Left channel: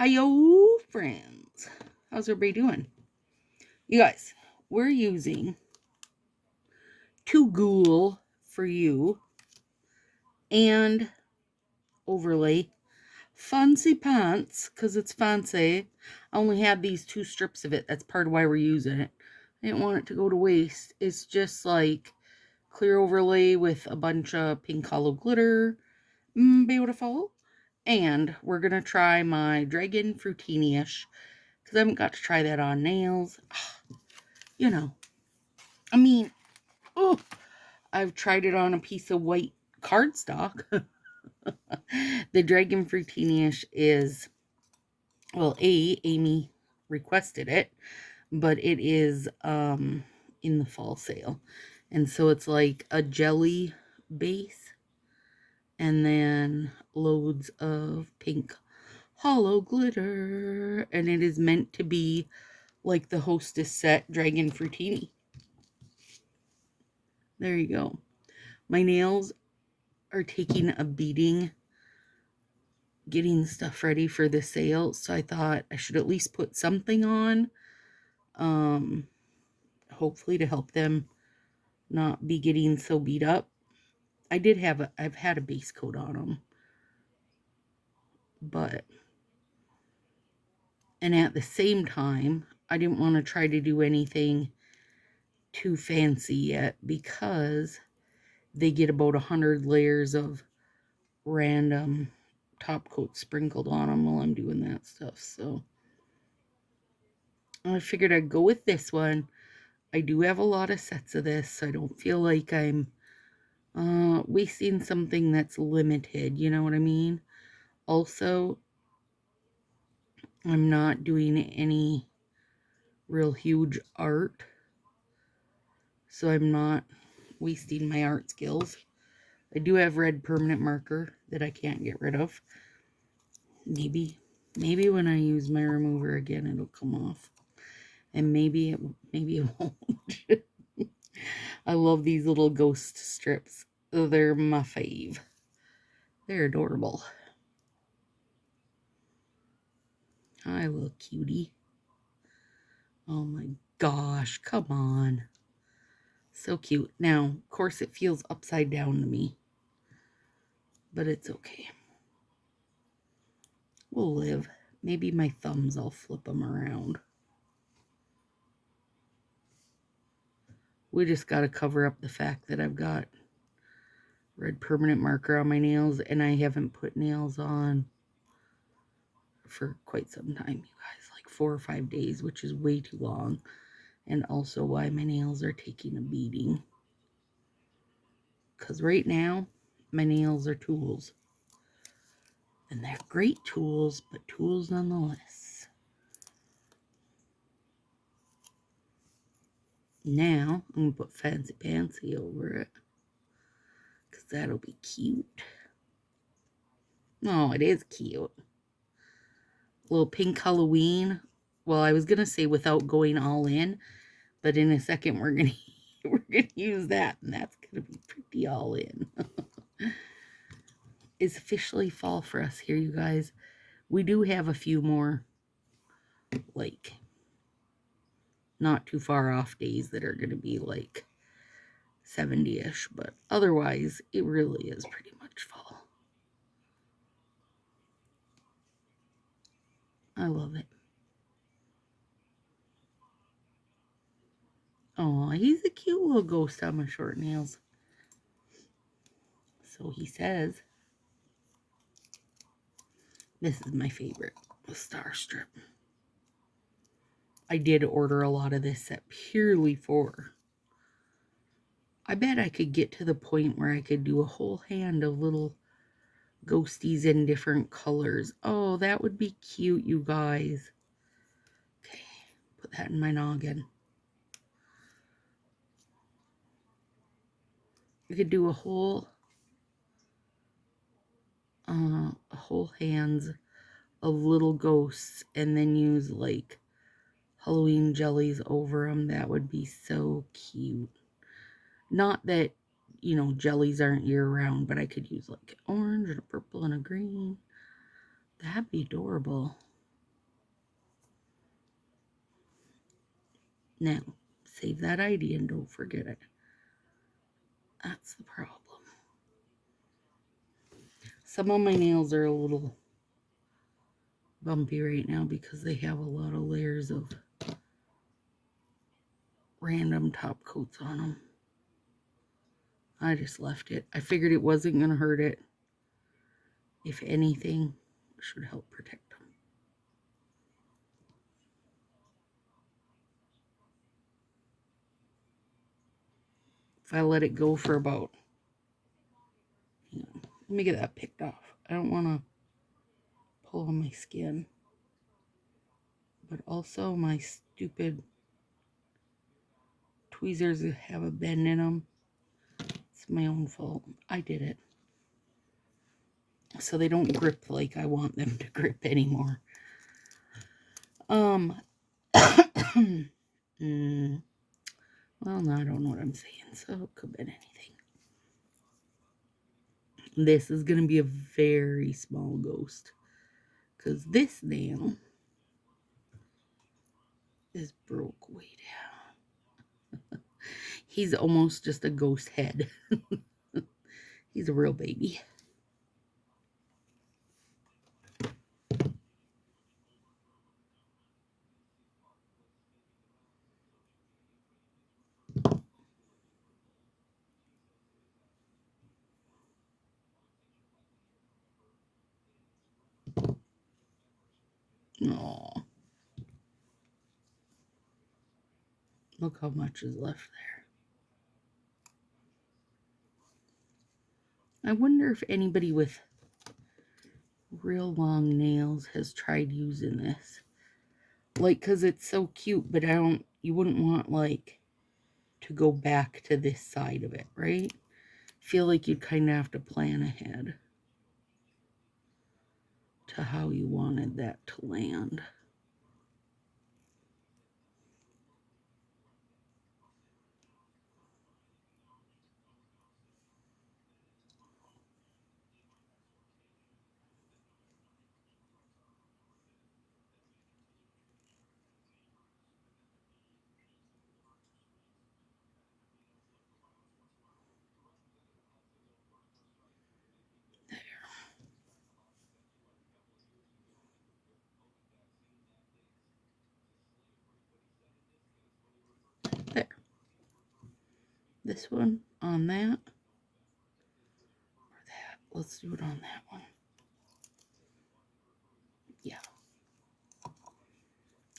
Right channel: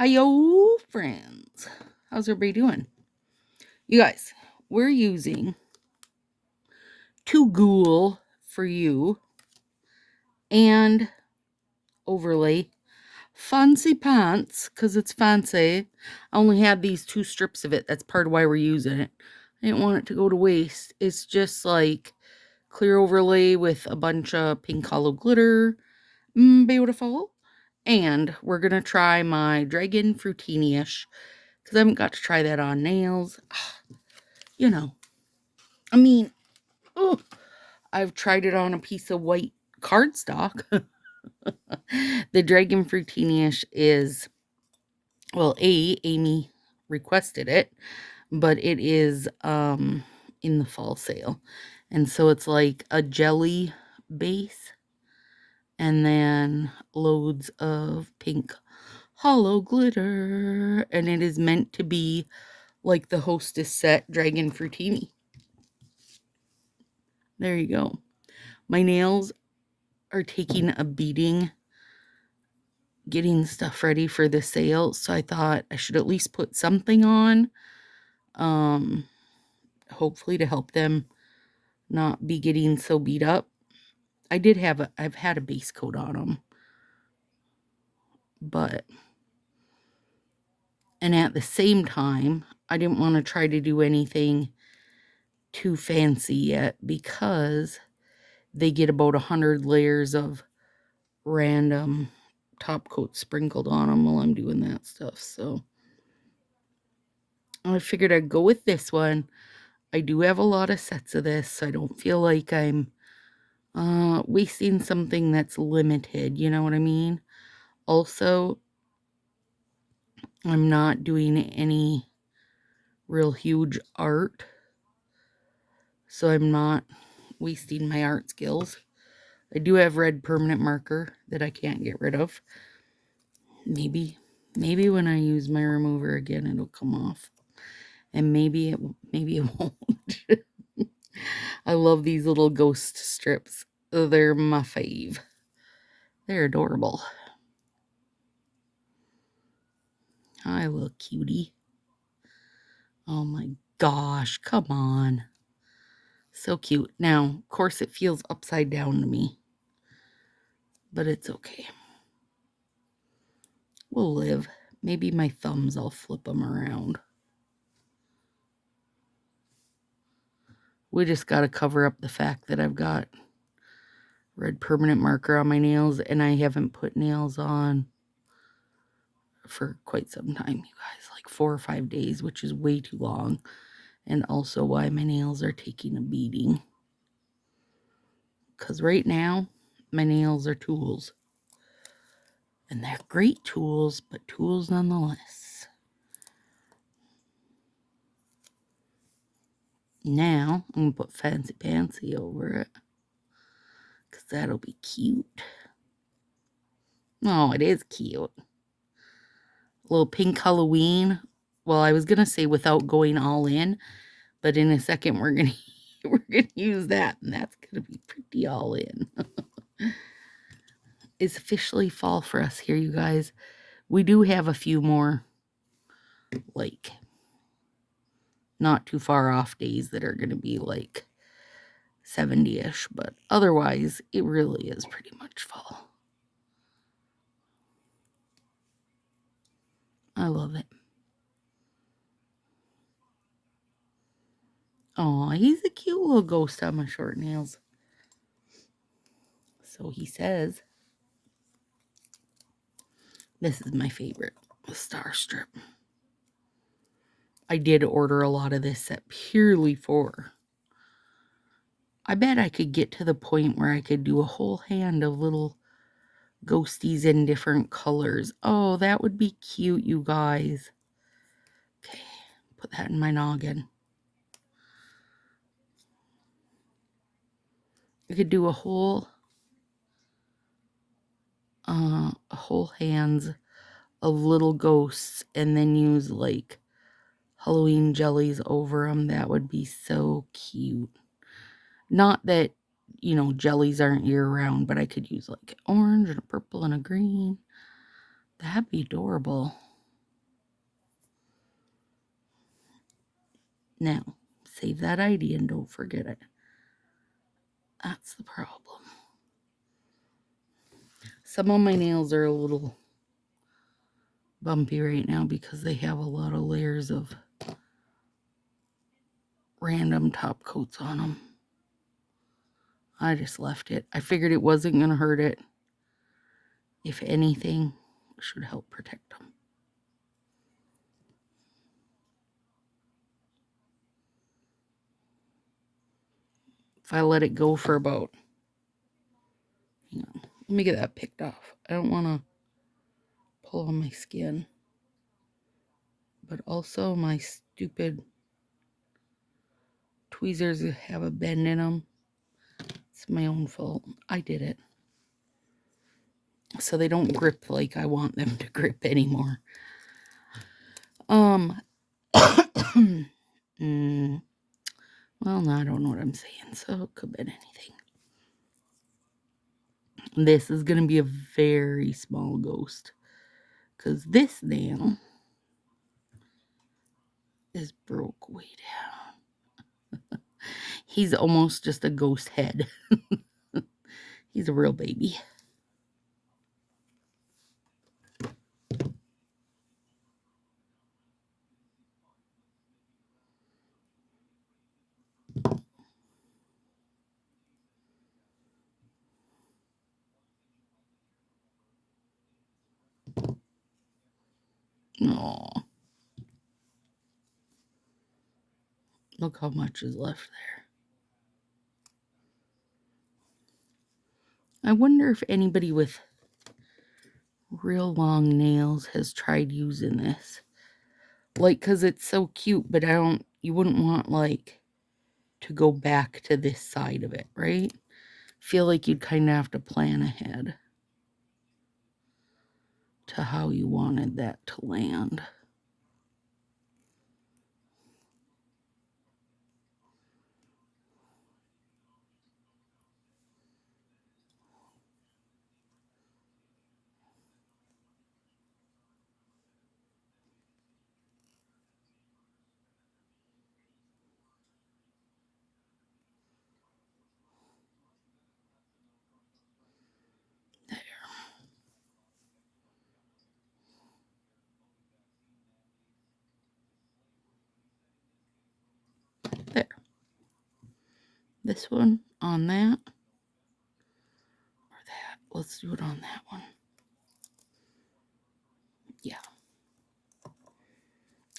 Hiyo, friends. How's everybody doing? You guys, we're using Ghoul for you and overlay fancy pants because it's fancy. I only had these 2 strips of it. That's part of why we're using it. I didn't want it to go to waste. It's just like clear overlay with a bunch of pink hollow glitter. Beautiful. And we're going to try my Dragon Fruitini-ish because I haven't got to try that on nails. You know, I mean, oh, I've tried it on a piece of white cardstock. The Dragon Fruitini-ish is, well, Amy requested it, but it is in the fall sale. And so it's like a jelly base and then loads of pink hollow glitter. And it is meant to be like the Hostess set Dragon Fruitini. There you go. My nails are taking a beating getting stuff ready for the sale, so I thought I should at least put something on, hopefully to help them not be getting so beat up. I've had a base coat on them, and at the same time, I didn't want to try to do anything too fancy yet because they get about 100 layers of random top coat sprinkled on them while I'm doing that stuff. So I figured I'd go with this one. I do have a lot of sets of this, so I don't feel like I'm wasting something that's limited, you know what I mean? Also, I'm not doing any real huge art, so I'm not wasting my art skills. I do have red permanent marker that I can't get rid of. Maybe when I use my remover again, it'll come off. And maybe it won't. I love these little ghost strips. They're my fave. They're adorable. Hi, little cutie. Oh my gosh, come on. So cute. Now, of course, it feels upside down to me, but it's okay. We'll live. Maybe my thumbs, I'll flip them around. We just got to cover up the fact that I've got red permanent marker on my nails, and I haven't put nails on for quite some time, you guys, like 4 or 5 days, which is way too long, and also why my nails are taking a beating. Because right now, my nails are tools. And they're great tools, but tools nonetheless. Now, I'm going to put Fancy Pantsy over it. Because that'll be cute. Oh, it is cute. A little pink Halloween. Well, I was going to say without going all in. But in a second, we're going to use that. And that's going to be pretty all in. It's officially fall for us here, you guys. We do have a few more, like, not too far off days that are going to be like 70-ish, but otherwise it really is pretty much fall. I love it. Oh, he's a cute little ghost on my short nails. So he says. This is my favorite, the star strip. I did order a lot of this set purely for. I bet I could get to the point where I could do a whole hand of little ghosties in different colors. Oh, that would be cute, you guys. Okay, put that in my noggin. You could do a whole hands of little ghosts and then use like Halloween jellies over them. That would be so cute. Not that, you know, jellies aren't year-round, but I could use like orange and a purple and a green. That'd be adorable. Now, save that idea and don't forget it. That's the problem. Some of my nails are a little bumpy right now because they have a lot of layers of random top coats on them. I just left it. I figured it wasn't going to hurt it. If anything, it should help protect them. If I let it go for about, let me get that picked off. I don't want to pull on my skin. But also my stupid tweezers have a bend in them. It's my own fault. I did it. So they don't grip like I want them to grip anymore. Well, no, I don't know what I'm saying, so it could have been anything. This is going to be a very small ghost, because this nail is broke way down. He's almost just a ghost head. He's a real baby. Aww. Look how much is left there. I wonder if anybody with real long nails has tried using this. Like, because it's so cute, but you wouldn't want, like, to go back to this side of it, right? Feel like you'd kind of have to plan ahead to how you wanted that to land. There. This one on that. Or that. Let's do it on that one. Yeah.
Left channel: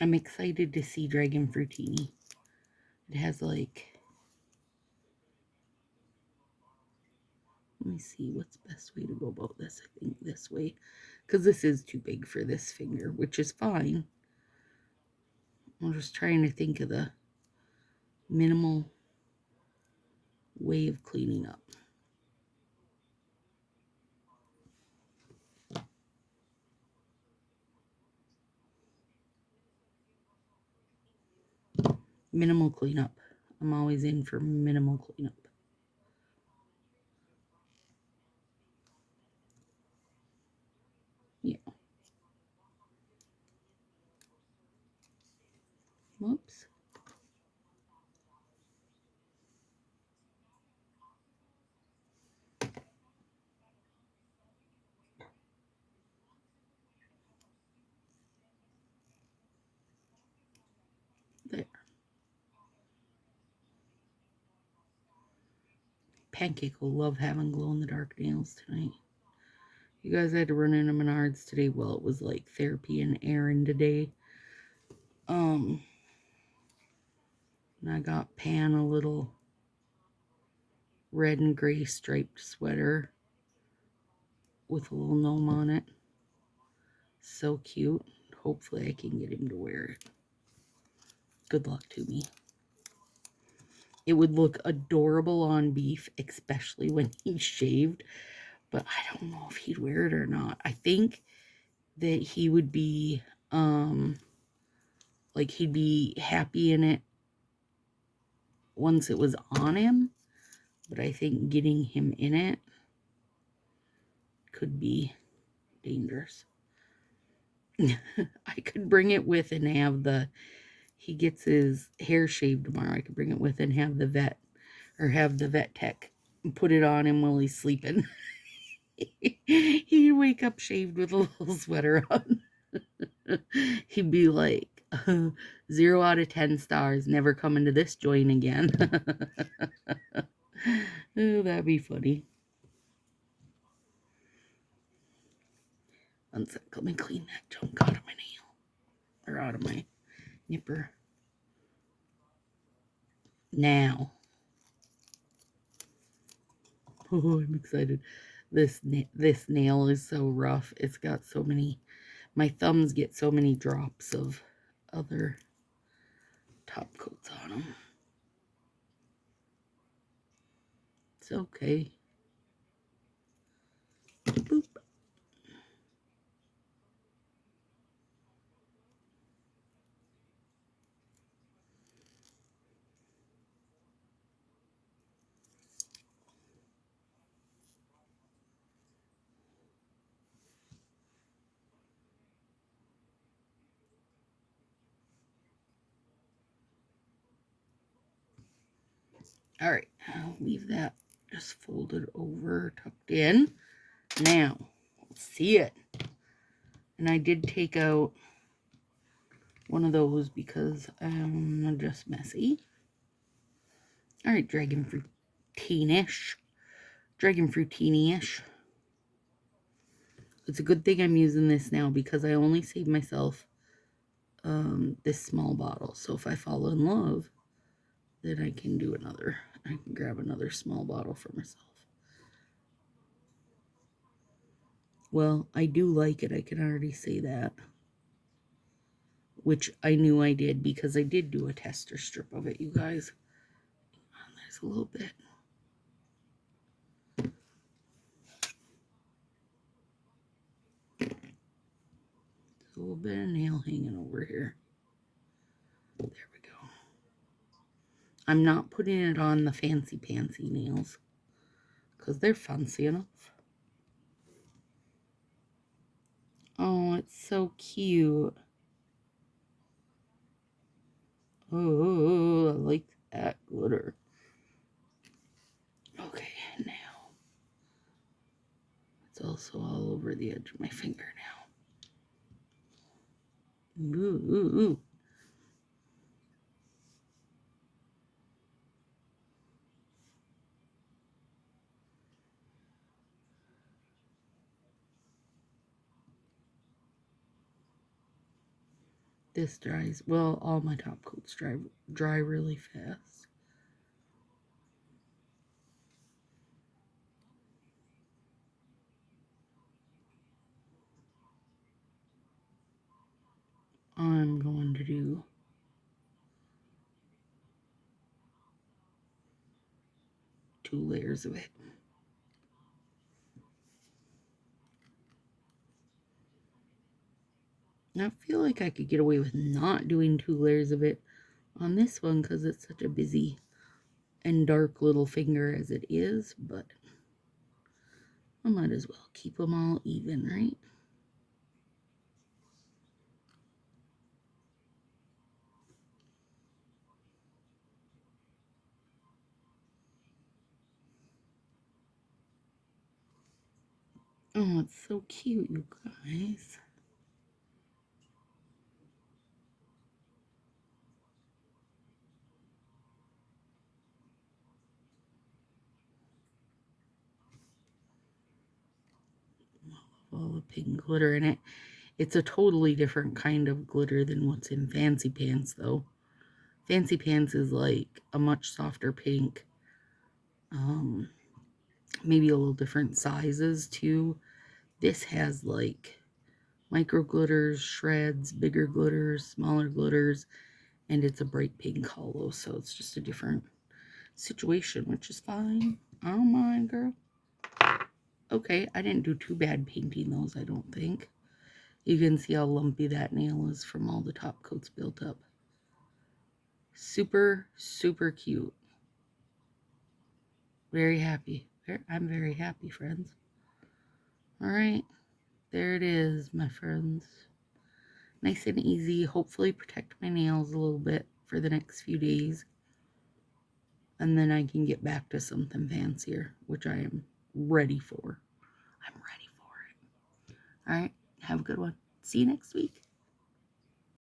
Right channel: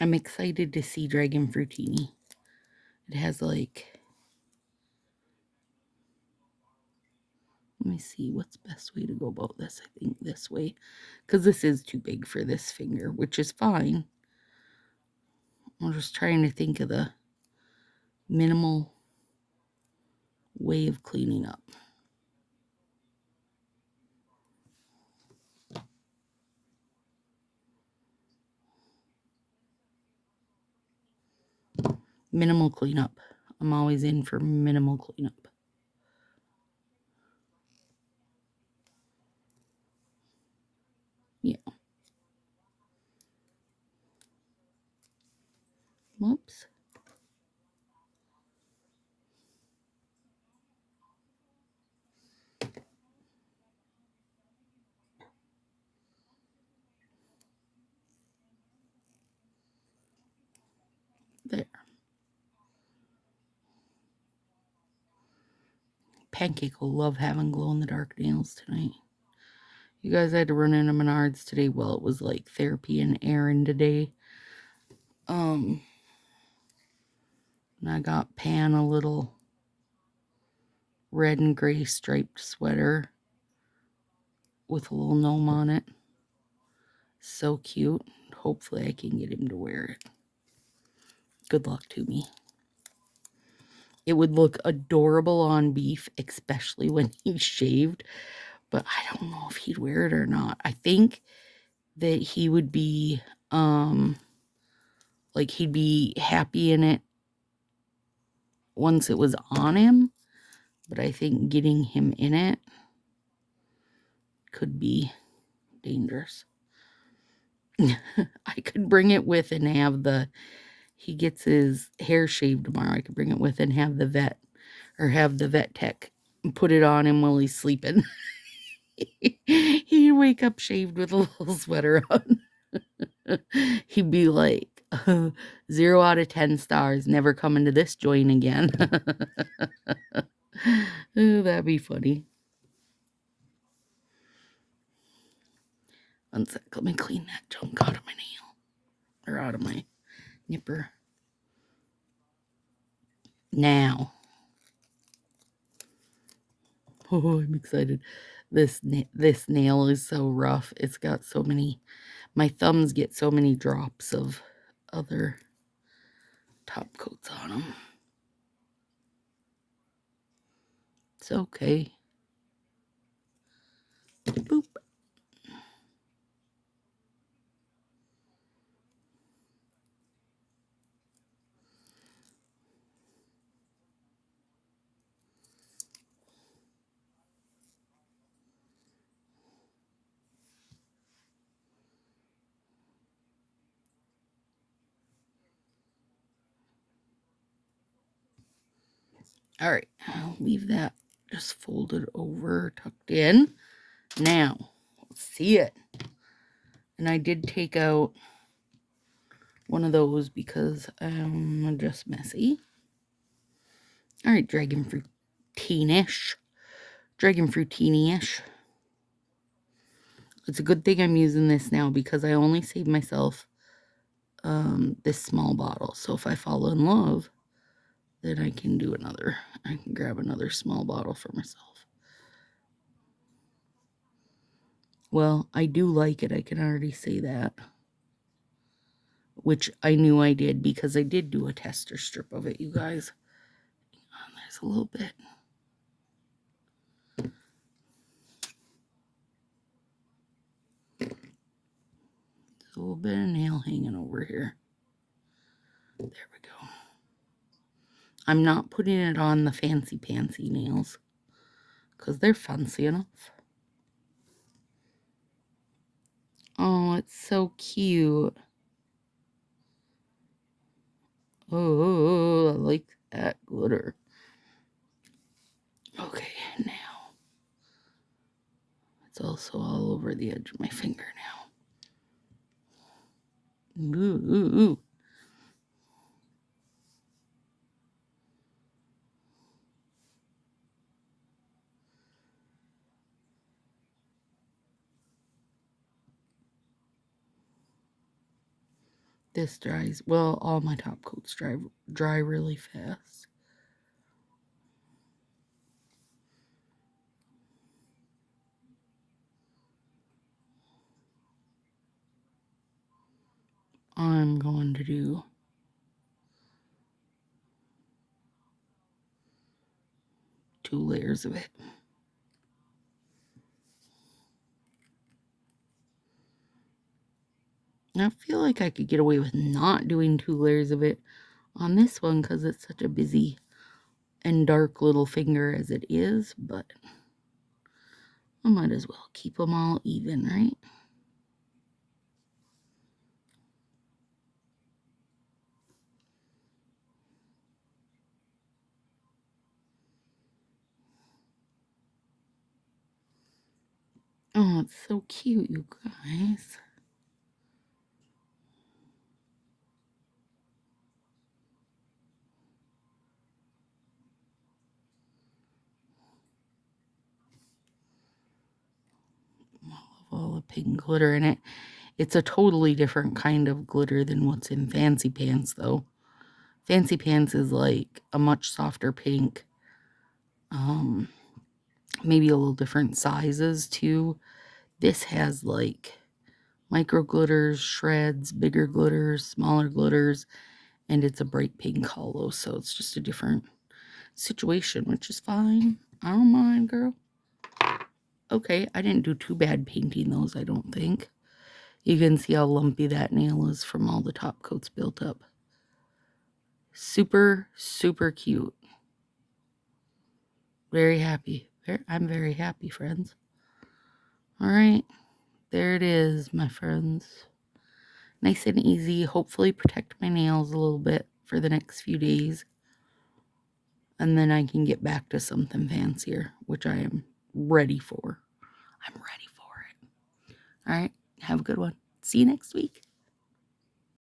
I'm excited to see Dragon Fruitini. It has like... Let me see what's the best way to go about this. I think this way. Because this is too big for this finger, which is fine. I'm just trying to think of the minimal way of cleaning up. Minimal cleanup. I'm always in for minimal cleanup. Yeah. Whoops. There. Pancake will love having glow-in-the-dark nails tonight. You guys had to run into Menards today. Well, it was like therapy and errand today. And I got Pan a little red and gray striped sweater with a little gnome on it. So cute. Hopefully I can get him to wear it. Good luck to me. It would look adorable on Beef, especially when he's shaved. But I don't know if he'd wear it or not. I think that he would be, like he'd be happy in it once it was on him. But I think getting him in it could be dangerous. I could bring it with and have he gets his hair shaved tomorrow, I could bring it with and have the vet tech put it on him while he's sleeping. He'd wake up shaved with a little sweater on. He'd be like, 0 out of 10 stars, never coming to this joint again. Oh, that'd be funny. One sec, let me clean that junk out of my nail. Or out of my nipper. Now. Oh, I'm excited. This nail is so rough. It's got so many, my thumbs get so many drops of other top coats on them. It's okay. Boop. All right, I'll leave that just folded over, tucked in. Now, let's see it. And I did take out one of those because I'm just messy. All right, dragon fruitini-ish. It's a good thing I'm using this now because I only saved myself this small bottle. So if I fall in love, then I can do another. I can grab another small bottle for myself. Well, I do like it. I can already say that. Which I knew I did because I did do a tester strip of it, you guys. There's a little bit. There's a little bit of nail hanging over here. There we go. I'm not putting it on the fancy pantsy nails because they're fancy enough. Oh, it's so cute. Oh, I like that glitter. Okay, now it's also all over the edge of my finger now. Ooh. This dries, well, all my top coats dry really fast. I'm going to do two layers of it. I feel like I could get away with not doing 2 layers of it on this one because it's such a busy and dark little finger as it is, but I might as well keep them all even, right? Oh, it's so cute, you guys. I love all the pink glitter in it. It's a totally different kind of glitter than what's in Fancy Pants, though. Fancy Pants is like a much softer pink. Maybe a little different sizes, too. This has, like, micro glitters, shreds, bigger glitters, smaller glitters, and it's a bright pink hollow, so it's just a different situation, which is fine. I don't mind, girl. Okay, I didn't do too bad painting those, I don't think. You can see how lumpy that nail is from all the top coats built up. Super, super cute. Very happy. I'm very happy, friends. All right, there it is, my friends. Nice and easy. Hopefully protect my nails a little bit for the next few days. And then I can get back to something fancier, which I am ready for. I'm ready for it. All right. Have a good one. See you next week.